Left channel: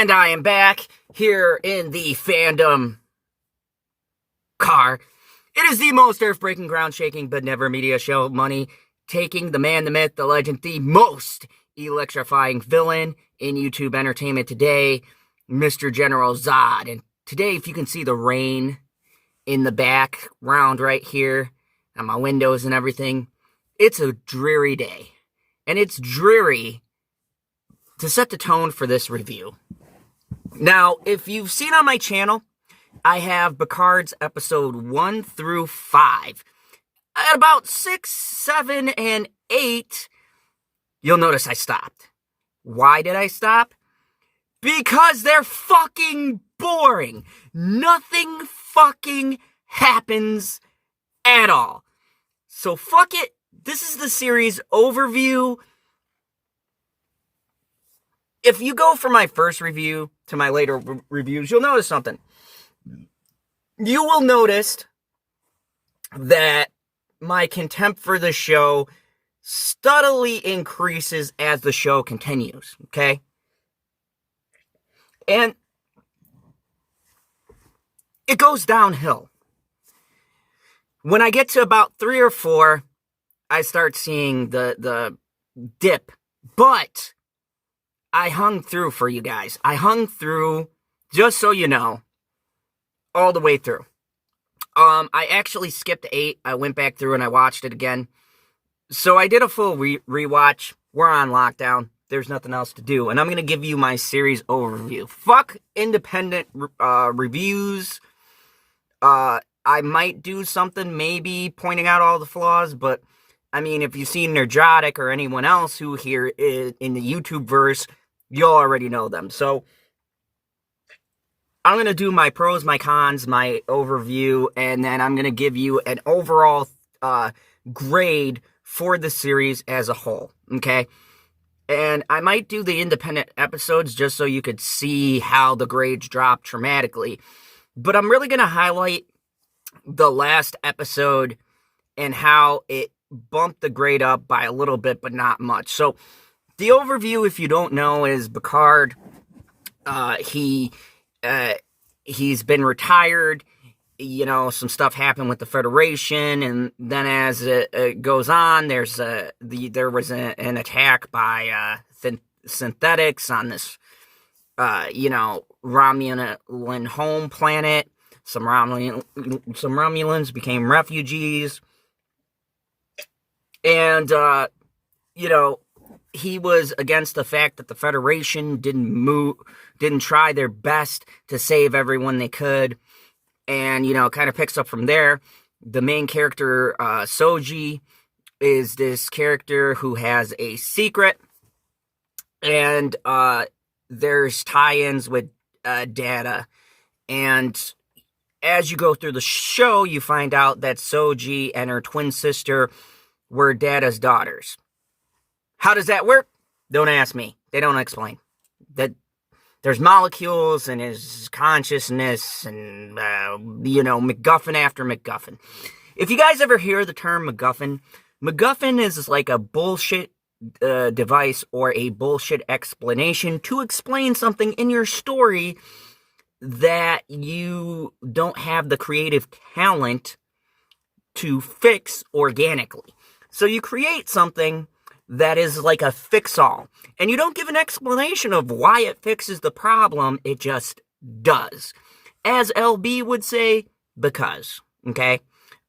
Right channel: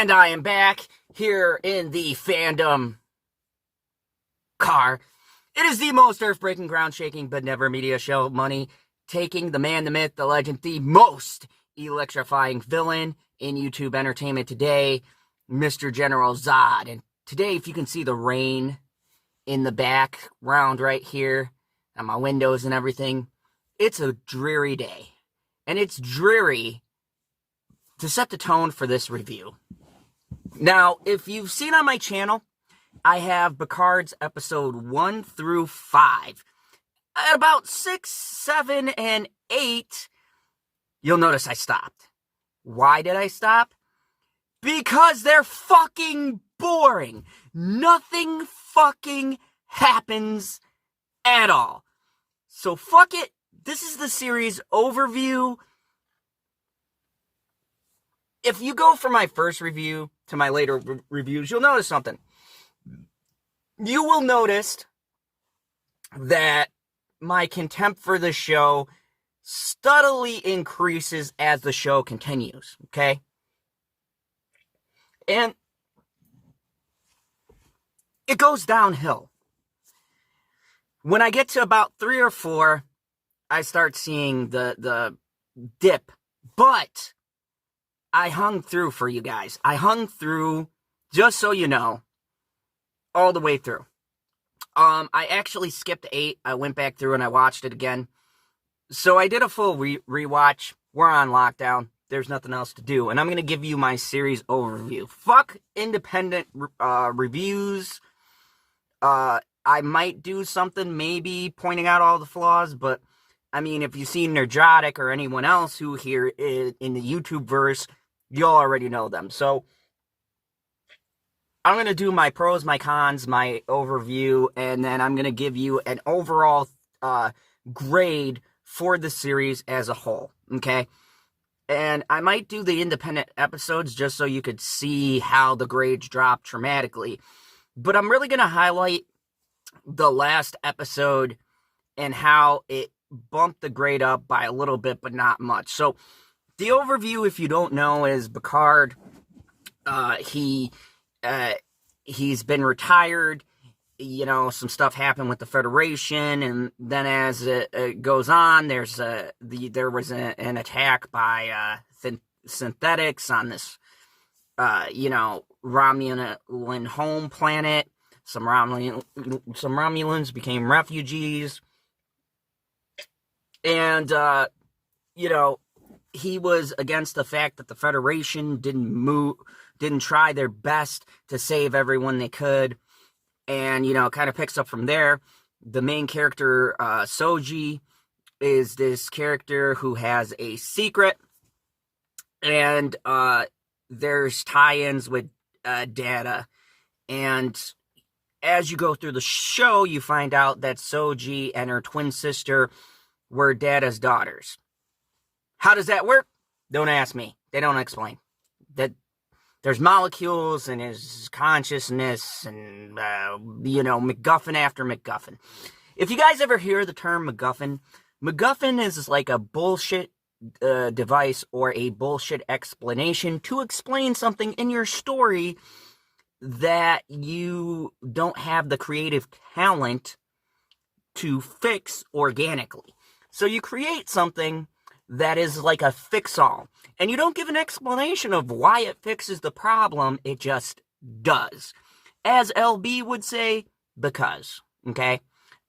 And I am back here in the fandom car. It is the most earth-breaking, ground-shaking, but never media show money, taking the man, the myth, the legend, the most electrifying villain in YouTube entertainment today, Mr. General Zod. And today, if you can see the rain in the background right here, and my windows and everything, it's a dreary day. And it's dreary to set the tone for this review. Now, if you've seen on my channel, I have Picard's episode 1 through 5. At about 6, 7, and 8, you'll notice I stopped. Why did I stop? Because they're fucking boring. Nothing fucking happens at all. So fuck it. This is the series overview. If you go from my first review to my later reviews, you'll notice something. You will notice that my contempt for the show steadily increases as the show continues, okay? And it goes downhill. When I get to about 3 or 4, I start seeing the dip. But I hung through for you guys. I hung through, just so you know, all the way through. I actually skipped 8. I went back through and I watched it again. So I did a full rewatch. We're on lockdown. There's nothing else to do. And I'm going to give you my series overview. Fuck independent reviews. I might do something maybe pointing out all the flaws, but I mean, if you've seen Nerdotic or anyone else who here is in the YouTube verse, you'll already know them. So I'm going to do my pros, my cons, my overview, and then I'm going to give you an overall grade for the series as a whole, okay? And I might do the independent episodes just so you could see how the grades drop dramatically. But I'm really going to highlight the last episode and how it bumped the grade up by a little bit, but not much. So the overview, if you don't know, is Picard. He's been retired. You know, some stuff happened with the Federation, and then as it goes on, there was an attack by synthetics on this, Romulan home planet. Some Romulans became refugees, and he was against the fact that the Federation didn't try their best to save everyone they could. And, it kind of picks up from there. The main character, Soji, is this character who has a secret. And there's tie-ins with Data. And as you go through the show, you find out that Soji and her twin sister were Data's daughters. How does that work? Don't ask me. They don't explain. That there's molecules and his consciousness and, MacGuffin after MacGuffin. If you guys ever hear the term MacGuffin is like a bullshit device or a bullshit explanation to explain something in your story that you don't have the creative talent to fix organically. So you create something that is like a fix-all. And you don't give an explanation of why it fixes the problem, it just does. As LB would say, because, okay?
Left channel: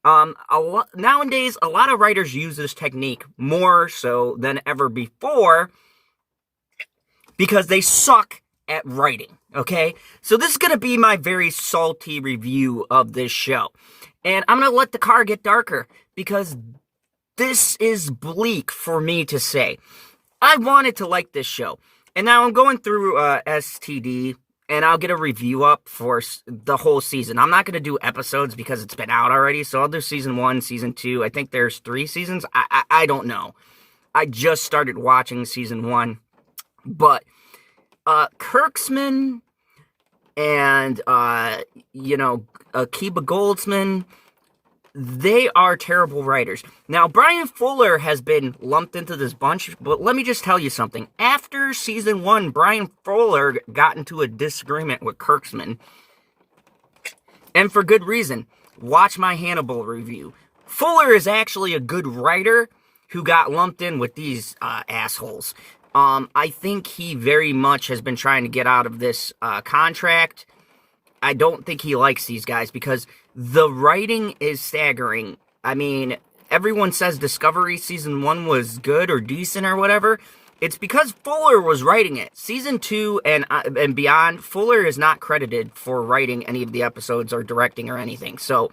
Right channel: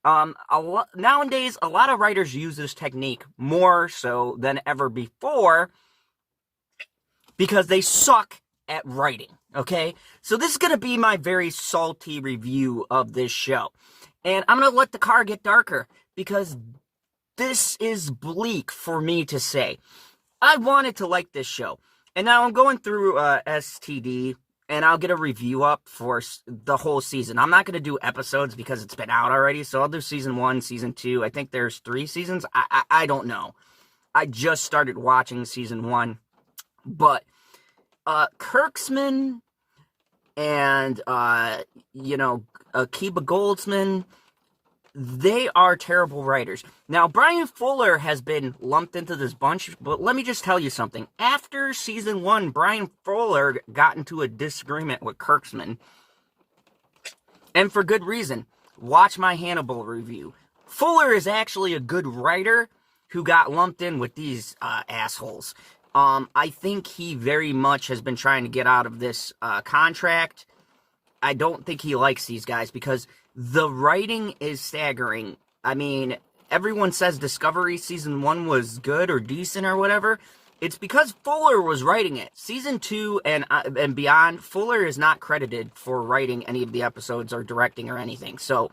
Nowadays, a lot of writers use this technique more so than ever before because they suck at writing, okay? So this is going to be my very salty review of this show. And I'm going to let the car get darker because this is bleak for me to say. I wanted to like this show. And now I'm going through STD, and I'll get a review up for the whole season. I'm not going to do episodes because it's been out already, so I'll do season 1, season 2. I think there's 3 seasons. I don't know. I just started watching season 1. But Kirksman and, Akiba Goldsman, they are terrible writers. Now, Brian Fuller has been lumped into this bunch, but let me just tell you something. After season 1, Brian Fuller got into a disagreement with Kurtzman, and for good reason. Watch my Hannibal review. Fuller is actually a good writer who got lumped in with these assholes. I think he very much has been trying to get out of this contract. I don't think he likes these guys because the writing is staggering. I mean, everyone says Discovery Season 1 was good or decent or whatever. It's because Fuller was writing it. Season 2 and beyond, Fuller is not credited for writing any of the episodes or directing or anything. So,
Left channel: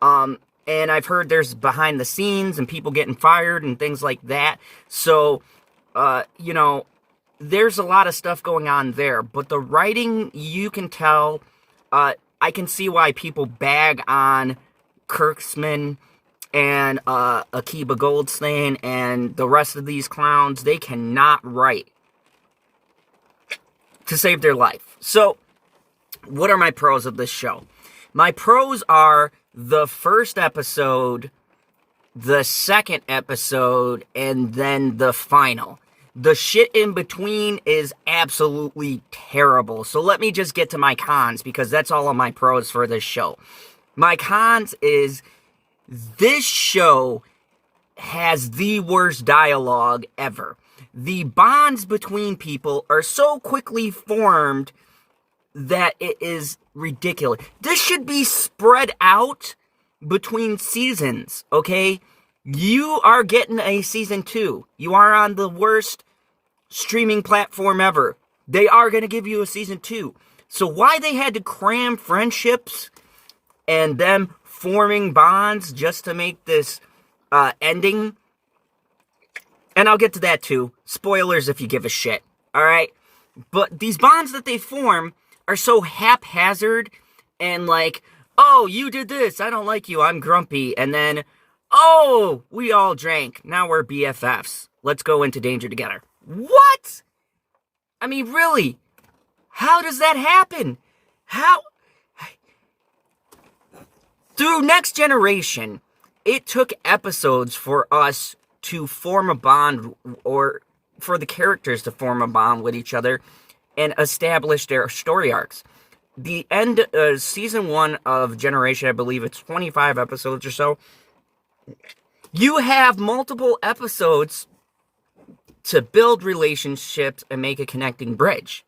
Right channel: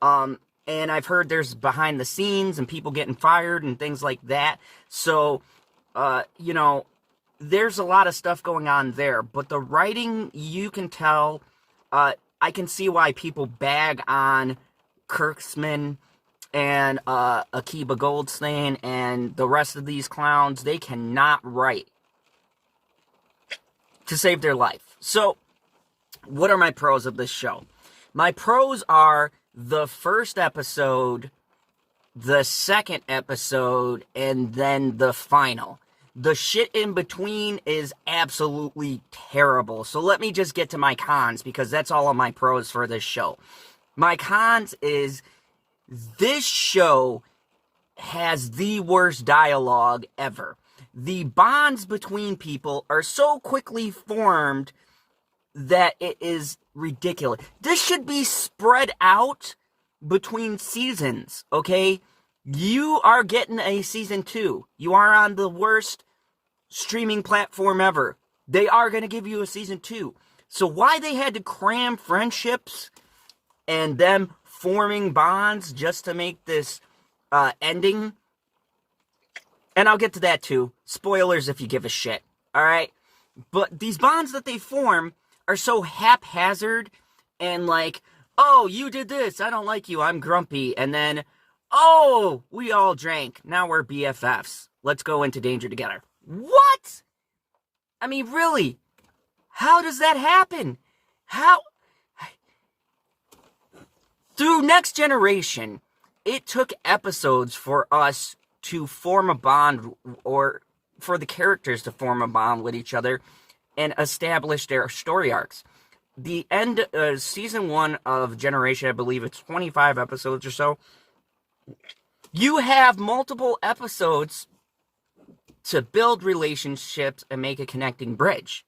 and I've heard there's behind the scenes and people getting fired and things like that. So, you know, there's a lot of stuff going on there. But the writing, you can tell... I can see why people bag on Kurtzman and Akiva Goldsman and the rest of these clowns. They cannot write to save their life. So, what are my pros of this show? My pros are the first episode, the second episode, and then the final. The shit in between is absolutely terrible. So let me just get to my cons, because that's all of my pros for this show. My cons is this show has the worst dialogue ever. The bonds between people are so quickly formed that it is ridiculous. This should be spread out between seasons, okay? You are getting a season 2. You are on the worst streaming platform ever. They are going to give you a season 2. So why they had to cram friendships and them forming bonds just to make this ending? And I'll get to that too. Spoilers if you give a shit. Alright? But these bonds that they form are so haphazard and like, oh, you did this. I don't like you. I'm grumpy. And then... oh, we all drank. Now we're BFFs. Let's go into danger together. What? I mean, really? How does that happen? How? Through Next Generation, it took episodes for us to form a bond, or for the characters to form a bond with each other and establish their story arcs. The end, season 1 of Generation, I believe it's 25 episodes or so. You have multiple episodes to build relationships and make a connecting bridge.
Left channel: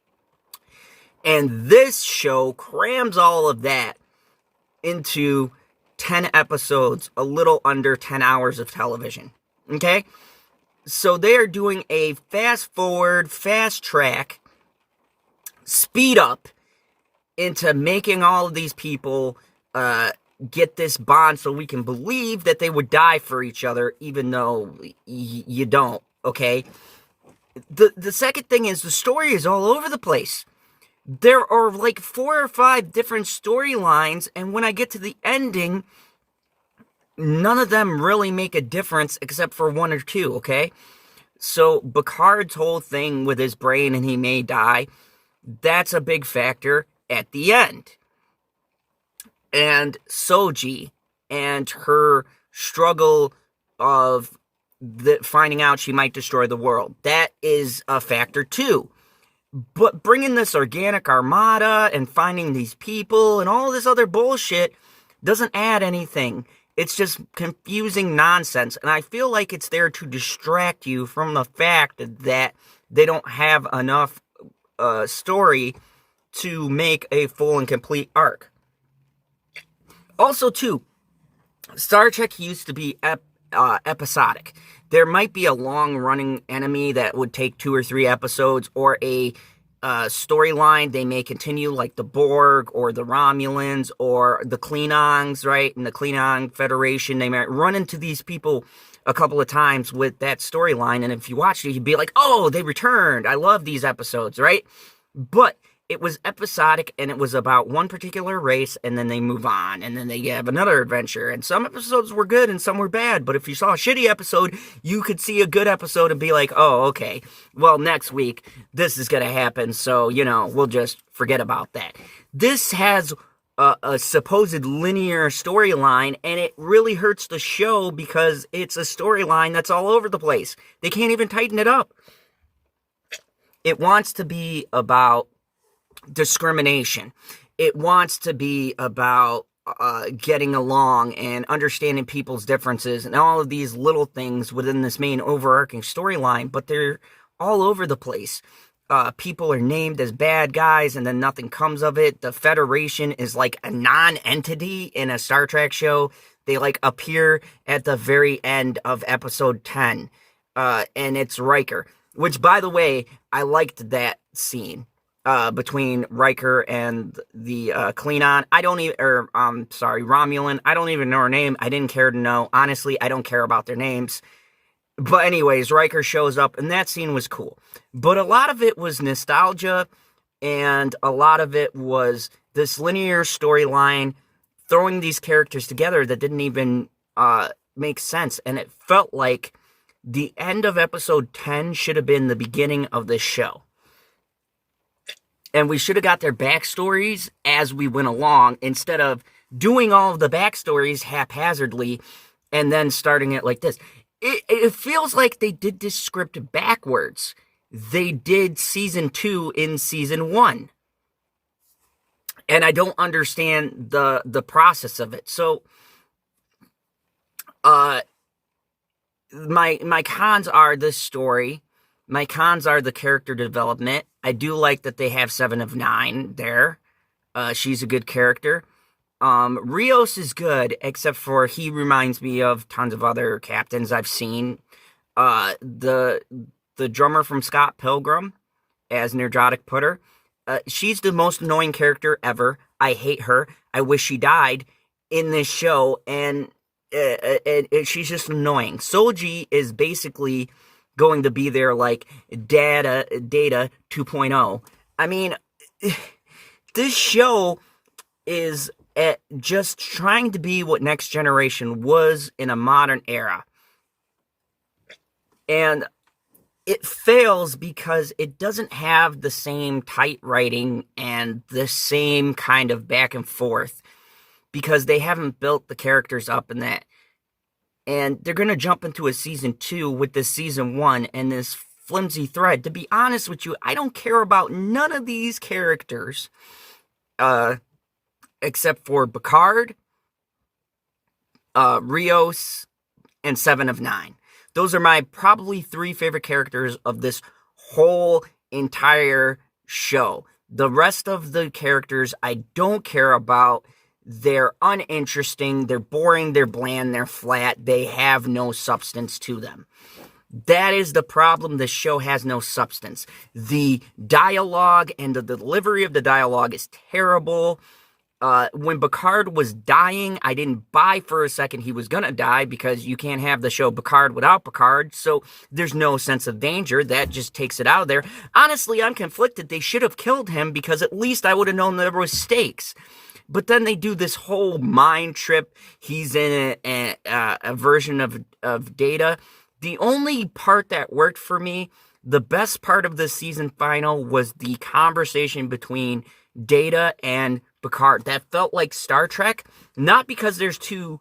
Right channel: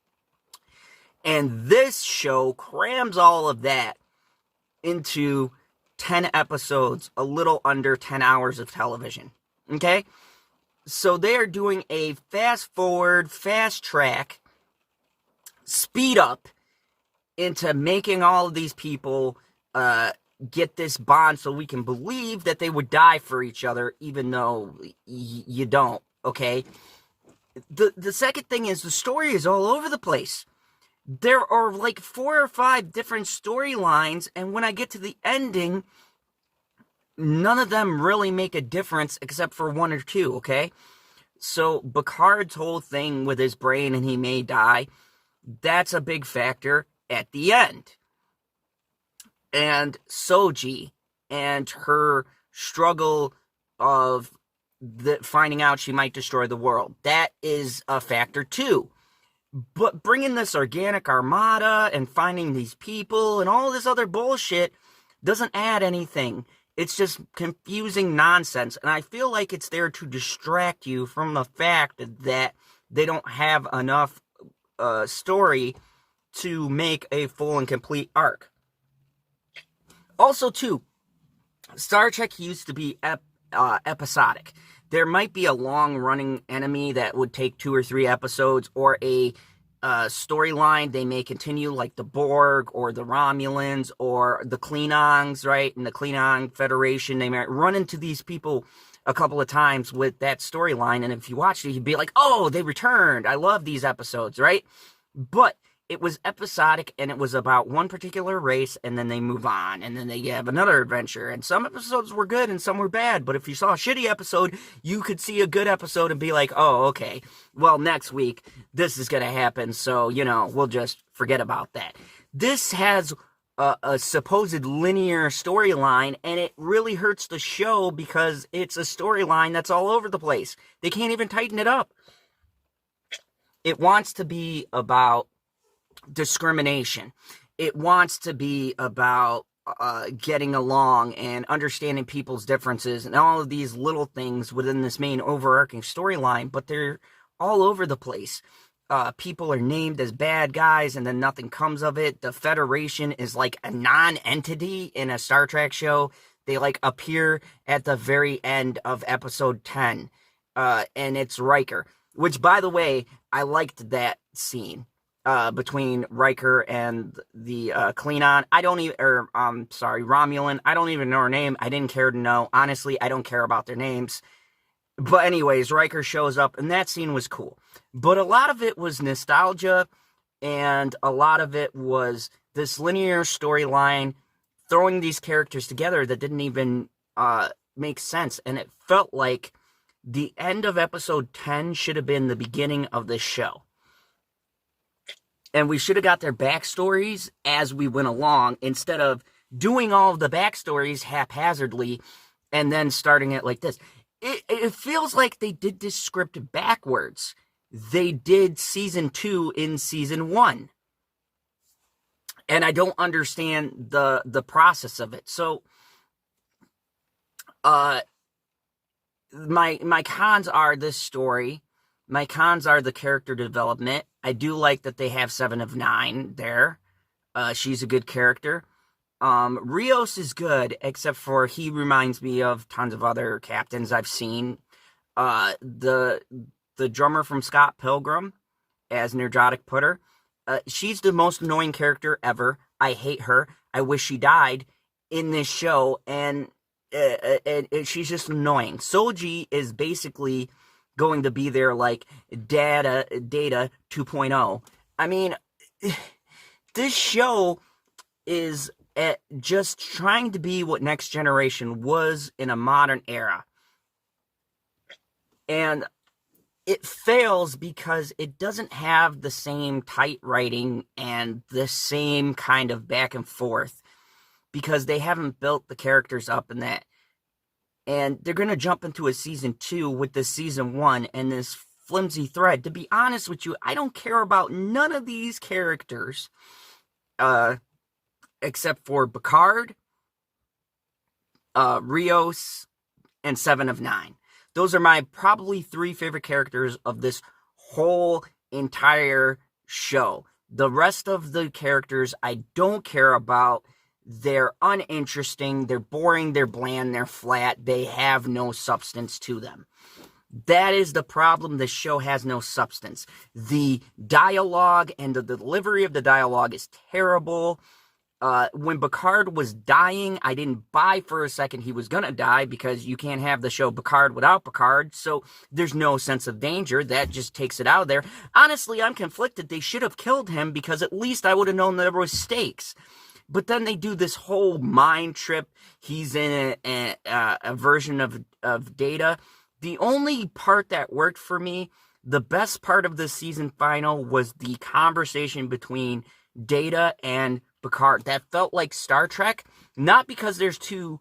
And this show crams all of that into 10 episodes, a little under 10 hours of television. Okay? So they are doing a fast forward, fast track, speed up into making all of these people get this bond so we can believe that they would die for each other, even though you don't, okay? The second thing is the story is all over the place. There are like 4 or 5 different storylines, and when I get to the ending, none of them really make a difference except for 1 or 2, okay? So Picard's whole thing with his brain and he may die, that's a big factor at the end. And Soji and her struggle of finding out she might destroy the world. That is a factor too. But bringing this organic armada and finding these people and all this other bullshit doesn't add anything. It's just confusing nonsense. And I feel like it's there to distract you from the fact that they don't have enough story to make a full and complete arc. Also, too, Star Trek used to be episodic. There might be a long-running enemy that would take 2 or 3 episodes, or a storyline they may continue, like the Borg, or the Romulans, or the Klingons, right? And the Klingon Federation, they might run into these people a couple of times with that storyline, and if you watched it, you'd be like, oh, they returned. I love these episodes, right? But it was episodic, and it was about one particular race, and then they move on, and then they have another adventure. And some episodes were good, and some were bad. But if you saw a shitty episode, you could see a good episode and be like, oh, okay, well, next week, this is going to happen, so, you know, we'll just forget about that. This has a supposed linear storyline, and it really hurts the show because it's a storyline that's all over the place. They can't even tighten it up. It wants to be about discrimination. It wants to be about getting along and understanding people's differences and all of these little things within this main overarching storyline, but they're all over the place. People are named as bad guys and then nothing comes of it. The Federation is like a non-entity in a Star Trek show. They like appear at the very end of episode 10, and it's Riker, which, by the way, I liked that scene between Riker and the Klingon. Romulan. I don't even know her name. I didn't care to know. Honestly, I don't care about their names. But anyways, Riker shows up, and that scene was cool. But a lot of it was nostalgia, and a lot of it was this linear storyline throwing these characters together that didn't even make sense. And it felt like the end of episode 10 should have been the beginning of this show. And we should have got their backstories as we went along, instead of doing all of the backstories haphazardly and then starting it like this. It feels like they did this script backwards. They did season 2 in season 1. And I don't understand the process of it. So, my cons are this story. My cons are the character development. I do like that they have 7 of 9 there. She's a good character. Rios is good, except for he reminds me of tons of other captains I've seen. The drummer from Scott Pilgrim as Nerdrotic Putter. She's the most annoying character ever. I hate her. I wish she died in this show, and she's just annoying. Soji is basically going to be there like Data 2.0. I mean, this show is just trying to be what Next Generation was in a modern era. And it fails because it doesn't have the same tight writing and the same kind of back and forth, because they haven't built the characters up in that. And they're going to jump into a season 2 with this season 1 and this flimsy thread. To be honest with you, I don't care about none of these characters, except for Picard, Rios, and 7 of 9. Those are my probably 3 favorite characters of this whole entire show. The rest of the characters I don't care about. They're uninteresting, they're boring, they're bland, they're flat, they have no substance to them. That is the problem. The show has no substance. The dialogue and the delivery of the dialogue is terrible. When Picard was dying, I didn't buy for a second he was gonna die, because you can't have the show Picard without Picard, so there's no sense of danger. That just takes it out of there. Honestly, I'm conflicted. They should have killed him, because at least I would have known there was stakes. But then they do this whole mind trip. He's in a version of Data. The only part that worked for me, the best part of the season final, was the conversation between Data and Picard. That felt like Star Trek, not because there's 2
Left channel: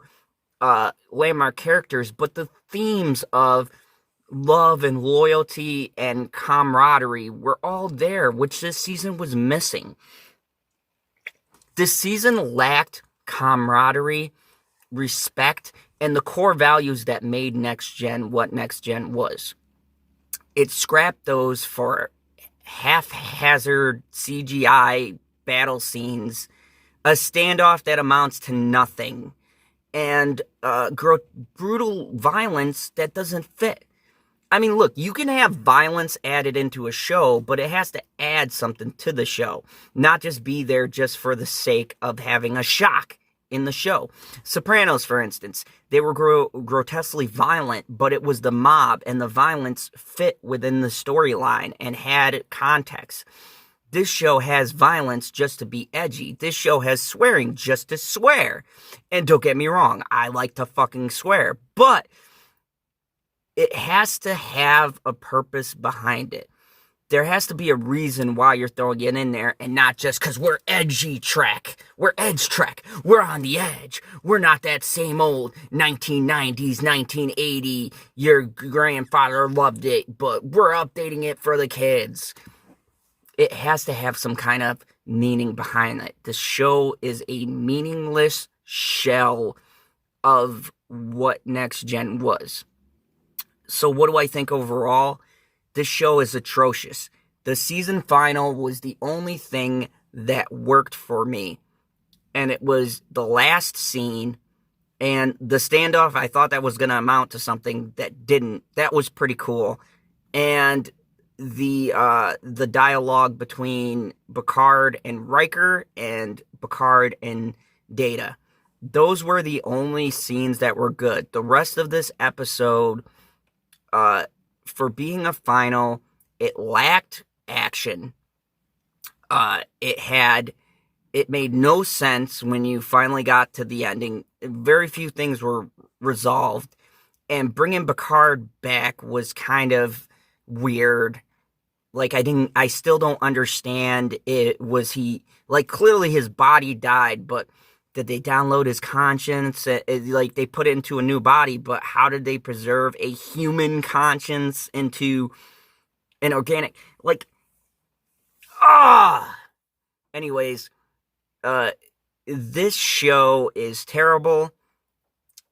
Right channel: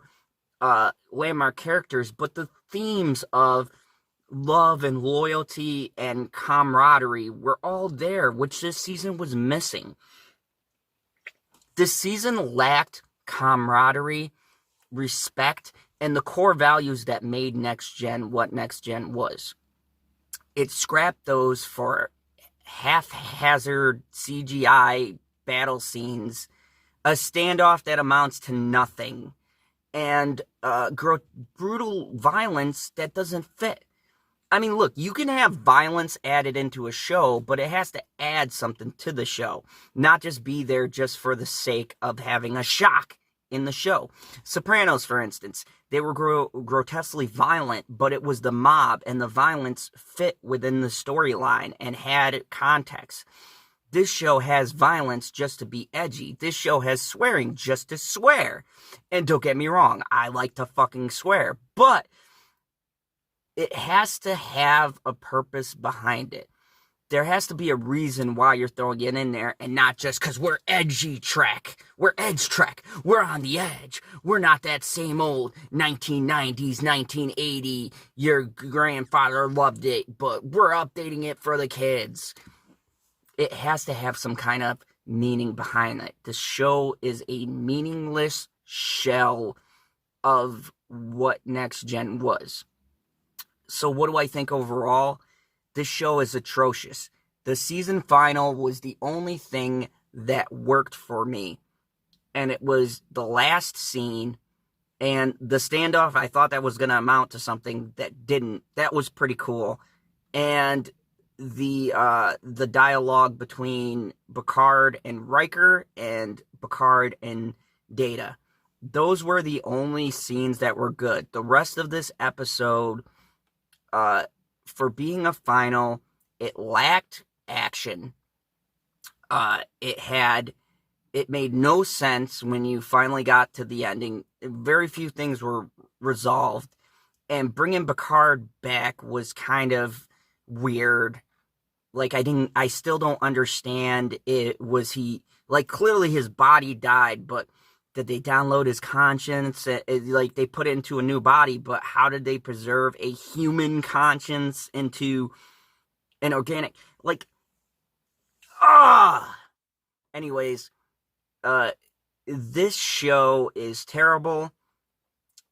landmark characters, but the themes of love and loyalty and camaraderie were all there, which this season was missing. This season lacked camaraderie, respect, and the core values that made Next Gen what Next Gen was. It scrapped those for haphazard CGI battle scenes, a standoff that amounts to nothing, and brutal violence that doesn't fit. I mean, look, you can have violence added into a show, but it has to add something to the show, not just be there just for the sake of having a shock in the show. Sopranos, for instance, they were grotesquely violent, but it was the mob, and the violence fit within the storyline and had context. This show has violence just to be edgy. This show has swearing just to swear. And don't get me wrong, I like to fucking swear, but it has to have a purpose behind it. there has to be a reason why you're throwing it in there, and not just because we're edgy Trek. We're edge Trek. We're on the edge. We're not that same old 1990s, 1980, your grandfather loved it, but we're updating it for the kids. It has to have some kind of meaning behind it. The show is a meaningless shell of what Next Gen was. So what do I think overall? This show is atrocious. The season final was the only thing that worked for me. And it was the last scene and the standoff. I thought that was going to amount to something that didn't. That was pretty cool. And the dialogue between Picard and Riker and Picard and Data. Those were the only scenes that were good. The rest of this episode, for being a final, it lacked action. It made no sense when you finally got to the ending. Very few things were resolved, and bringing Picard back was kind of weird. Like, I still don't understand it. Was he, like, clearly his body died, but did they download his conscience? Like, they put it into a new body, but how did they preserve a human conscience into an organic, like, anyways, this show is terrible.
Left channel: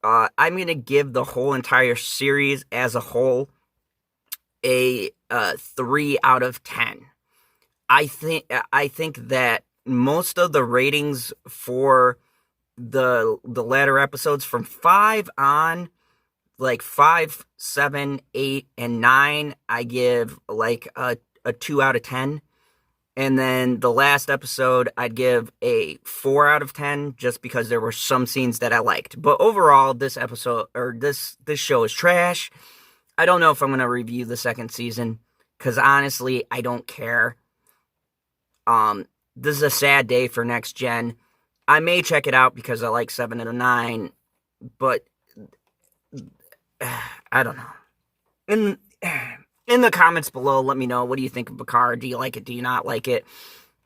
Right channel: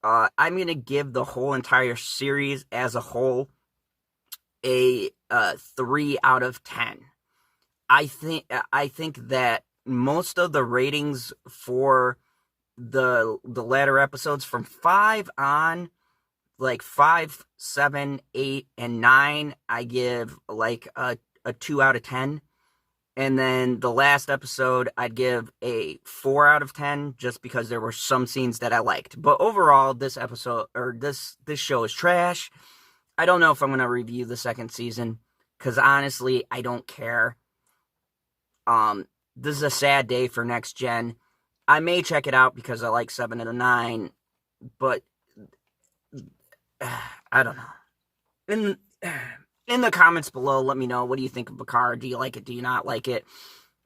I'm going to give the whole entire series as a whole a 3 out of 10. I think that most of the ratings for the latter episodes from 5 on, like 5, 7, 8, and 9, I give like a 2 out of 10. And then the last episode, I'd give a 4 out of 10, just because there were some scenes that I liked. But overall, this episode, or this show is trash. I don't know if I'm going to review the second season, because honestly, I don't care. This is a sad day for Next Gen. I may check it out because I like 7 out of 9, but I don't know. In the comments below, let me know, what do you think of Picard? Do you like it? Do you not like it?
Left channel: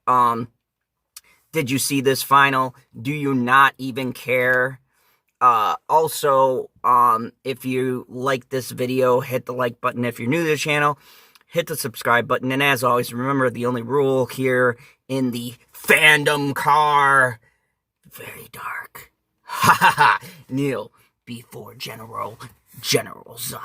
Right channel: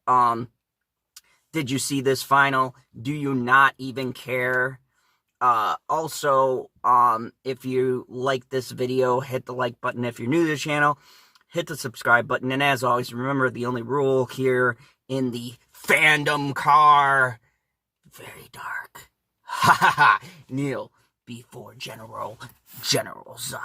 Did you see this final? Do you not even care? Also, if you like this video, hit the like button. If you're new to the channel, hit the subscribe button. And as always, remember the only rule here in the fandom car: very dark. Ha ha ha. Kneel before General Zod.